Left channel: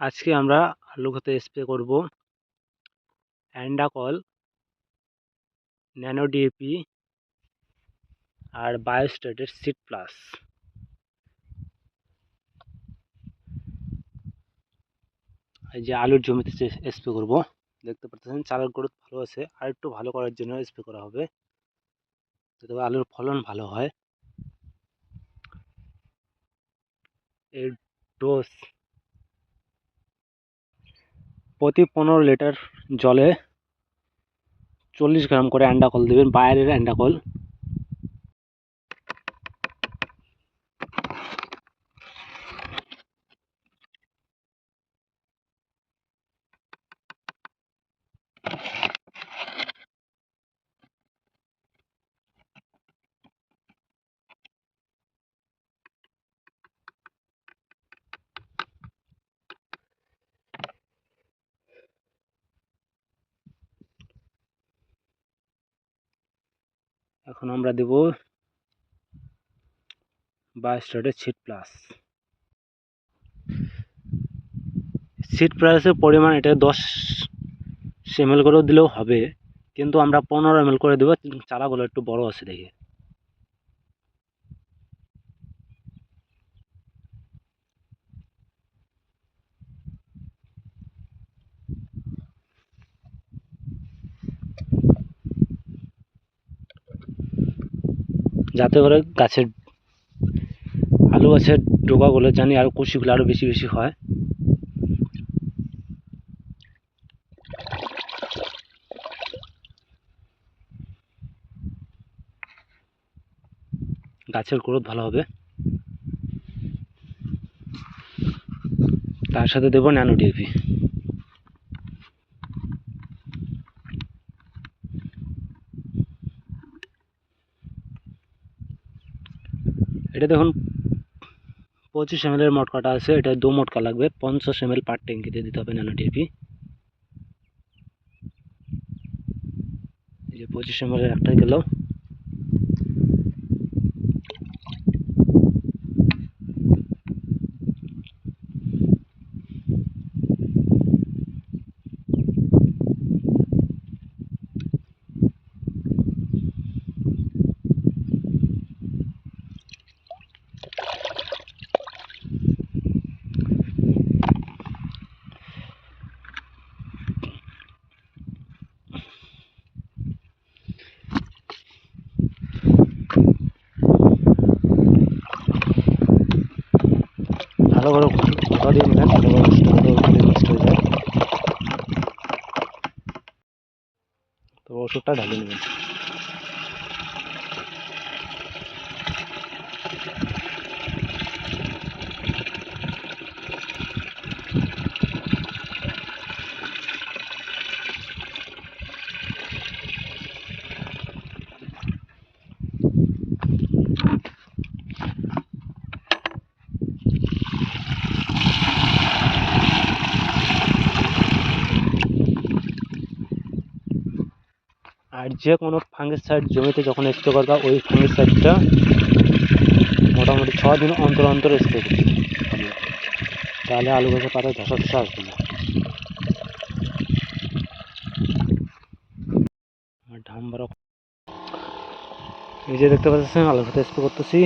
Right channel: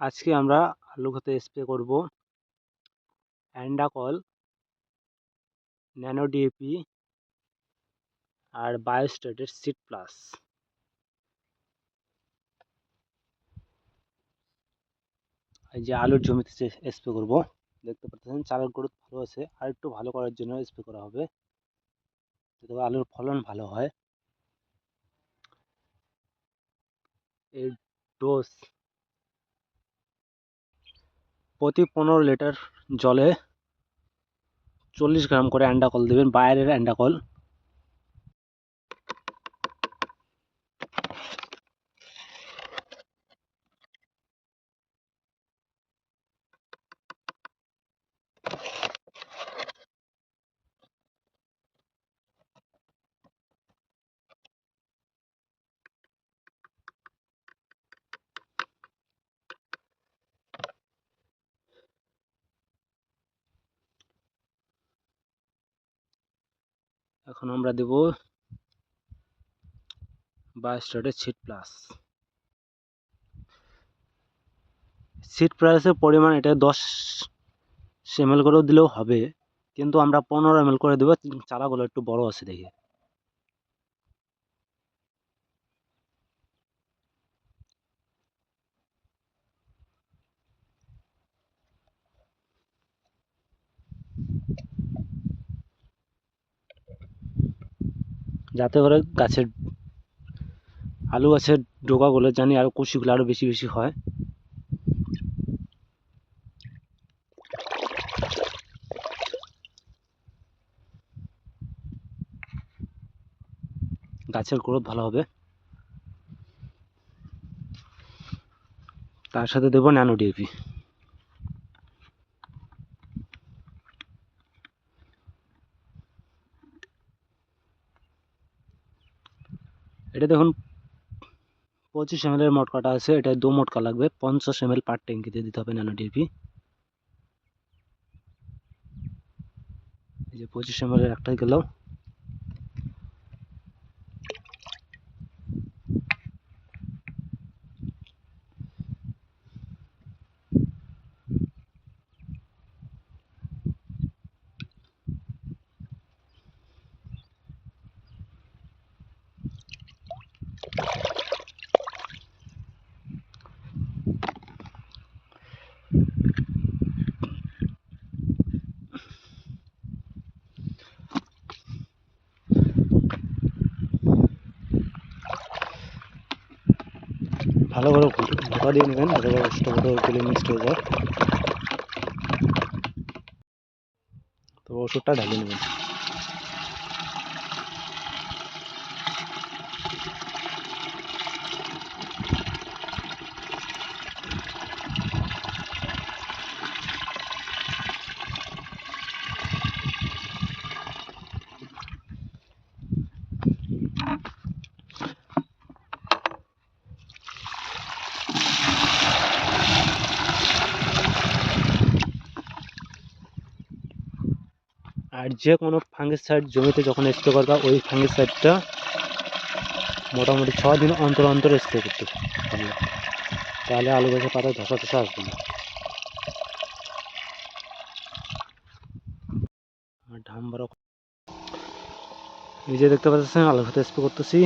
আজকে আমরা আলু ক্ষেতে স্প্রে করব অ্যান্ডাকল, ন্যানো ডিএপি আর বায়োস্টেটের সিড প্লাস। এই যে আলুর জমিতে স্প্রে করব, দেখতে পাচ্ছেন চারার গ্রোথ ভালো আছে, আর একটু ভালো করার জন্য স্প্রে করা হবে যাতে আলুর ফলন ভালো হয়। এর ডোজ প্রতি 15 লিটার জলে 40 গ্রাম করে অ্যান্ডাকল দেবেন, বাইরের অ্যান্ডাকল। এখন আমরা দেব বায়োস্টেটের সিড প্লাস। সিড প্লাসের পরিমাণ এটা 10 ml করেও দিলেও হবে, কিন্তু আমরা 15 ml করে দেবো, চারাগুলো একটু বড় আছে দেখে। যাতে করে আলু গাছের ডোকাগুলো জানি আর কুশিগুলো আরও বেশি বেশি হয়। গাছের গ্রোথ ভালো হবে। তার সাথে দেবো ন্যানো ডিএপি। এটা দেখুন 25 ml এর মটকাটা আছে, এটা 2 মটকা লাগবে, 50 ml পার ট্যাঙ্কিতে দিতে হবে ন্যানো ডিএপি। এই যে 25 ml এর একটাই গেল। ভালো করে ঘোটা দিয়ে নেবেন, ভালো করে মিক্সড হয়ে যায়। তো ওষুধটা ঢালিয়ে নেবেন। আর যে কোনো ফাঙ্গিসাইড জমিতে যখন স্প্রে করবা, ওই ফাঙ্গিসাইডটা মোটামুটি 6 দিন অন্তর অন্তর স্প্রে করতে হবে, তাহলে আলু গাছের পাতায় ধসা টসা আসবে না। আর ধান বড়, এই যে দেখতে পাচ্ছেন আলু খেতে স্প্রে করতেছি।